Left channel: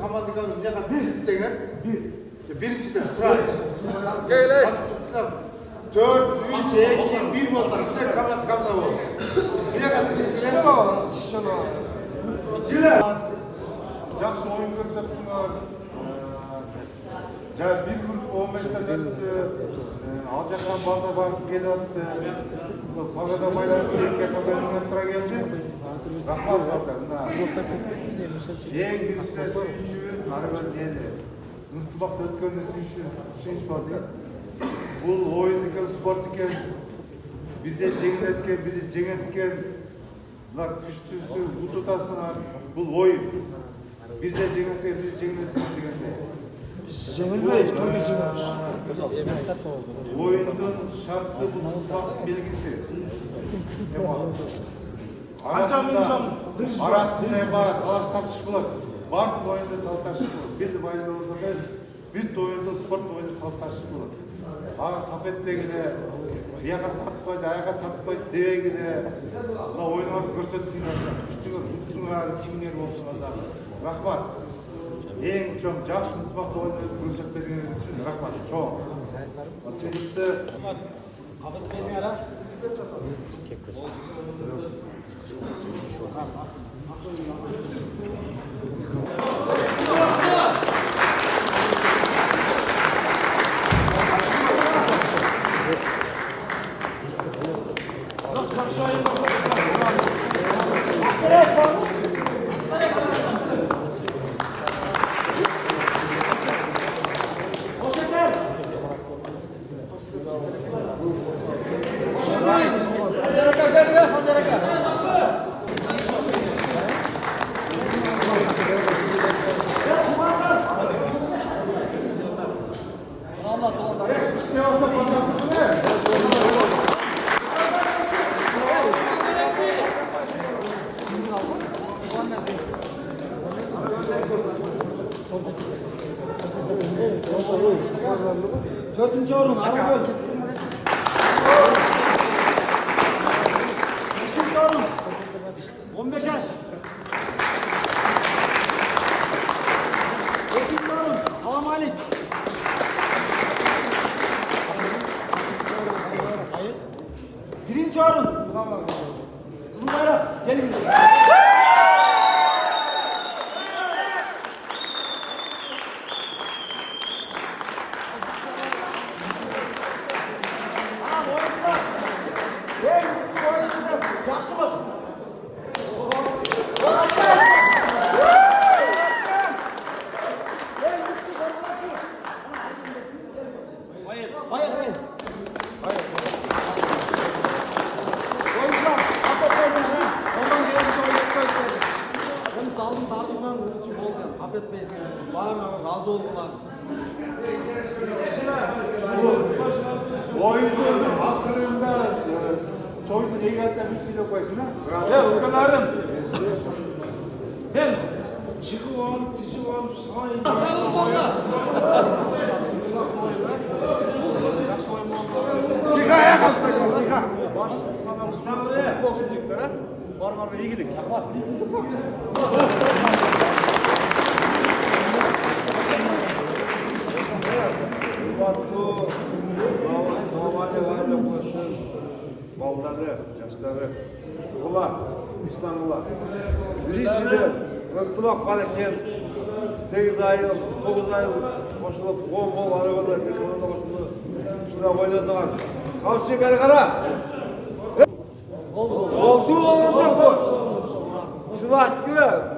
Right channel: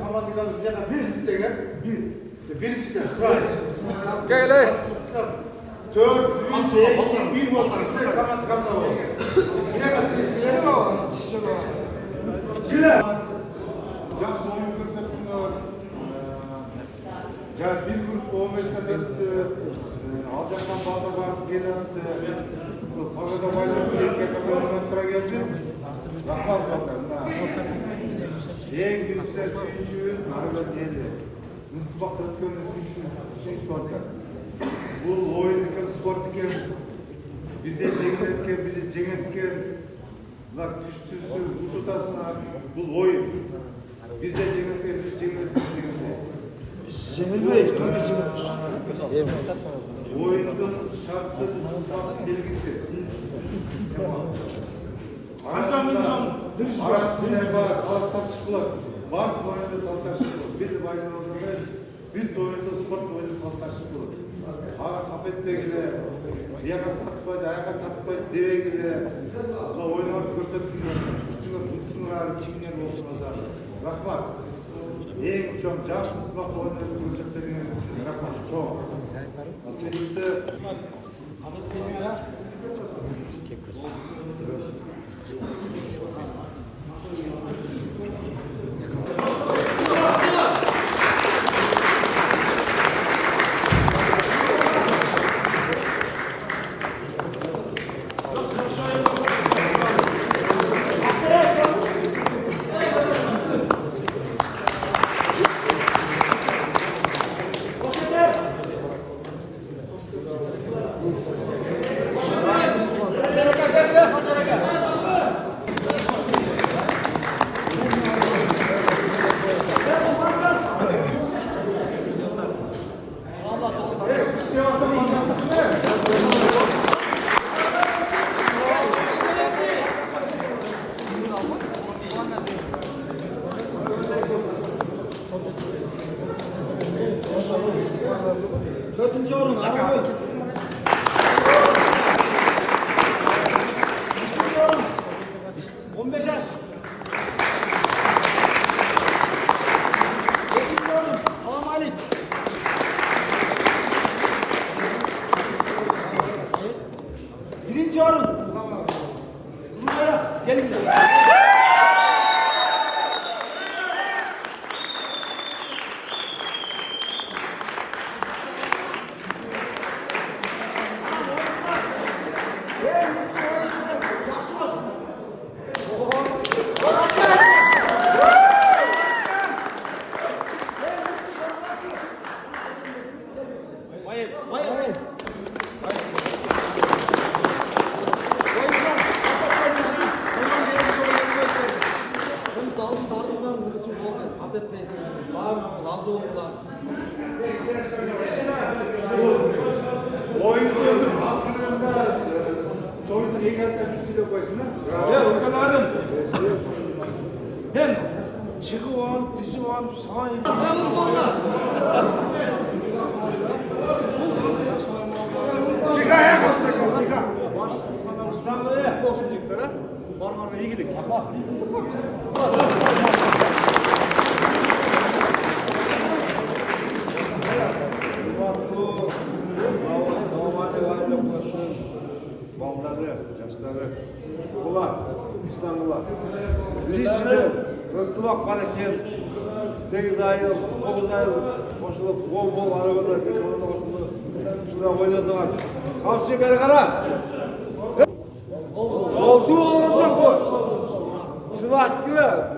командаға бір десеңер, біріншіден сұрайық. Төрт, үш, екі, бір болды, сіздер команда болды. Мега сіздер жақсы ойын көрсеттіңдер. Bir grup 15'ten ötü, alacaktan fazla var, geldi, fazla bayrağı yakın önüne sıra geldi. Rahmat bakalım. En güçler için araba değil. Mutfakta ötkönde şey sordu. Bu oyunun spor iken, bir de cengiletken, bir de cengiletken, bunlar düştüğüsü, bu tutasına, bu oyun. Bir de cengiletken, bir de cengiletken. Cemil'de turbi cimilmiş. Oyunun şartı bu mutfak bilgisi. Arasında ibaret, tartışmalar. Var oyunda tartışmalar. Bir bayrağı orada biz, bir oyunda spor oyunda tartışmalar. Ağa tapettegide, yağa tatmaydı, ayağa tatmaydı, devegide, oynamak görsettiğinde, tuttuğunlar, kimler olsun da. Rahmat. En çok жақсы ынтымақты ойнап көрсеттерге рахмат. Чоң. Себепті Dördüncü oğlum, araba. Üçüncü oğlum, 15 yaş. Yedinci oğlum, salam aleyküm. Birinci oğlum, kızım bayrak, gelin. Sağlık dağıtımlarımız için bol affetmeyiz. Bağırmamak, razı olmalar. oyunun hakkında soydu ne gelse bir şey de koysun. Ya ülkelerim. Ben çıkı var, dizi var, sahip. Çıkaya kalsın. Çıka. Sağlığı. Olsun çıklara. Var iyi gidik. Normalde koşun. Balları, yaşları. Ulan, İstanbul'a. Birisidir. Rıntılak var eken 8 ay, 9 ay koşulup bol arabalar, ekonomide koşulup şurada oynadılar. Kavşak kara. Oldu olacak bu. Şunu attı mı?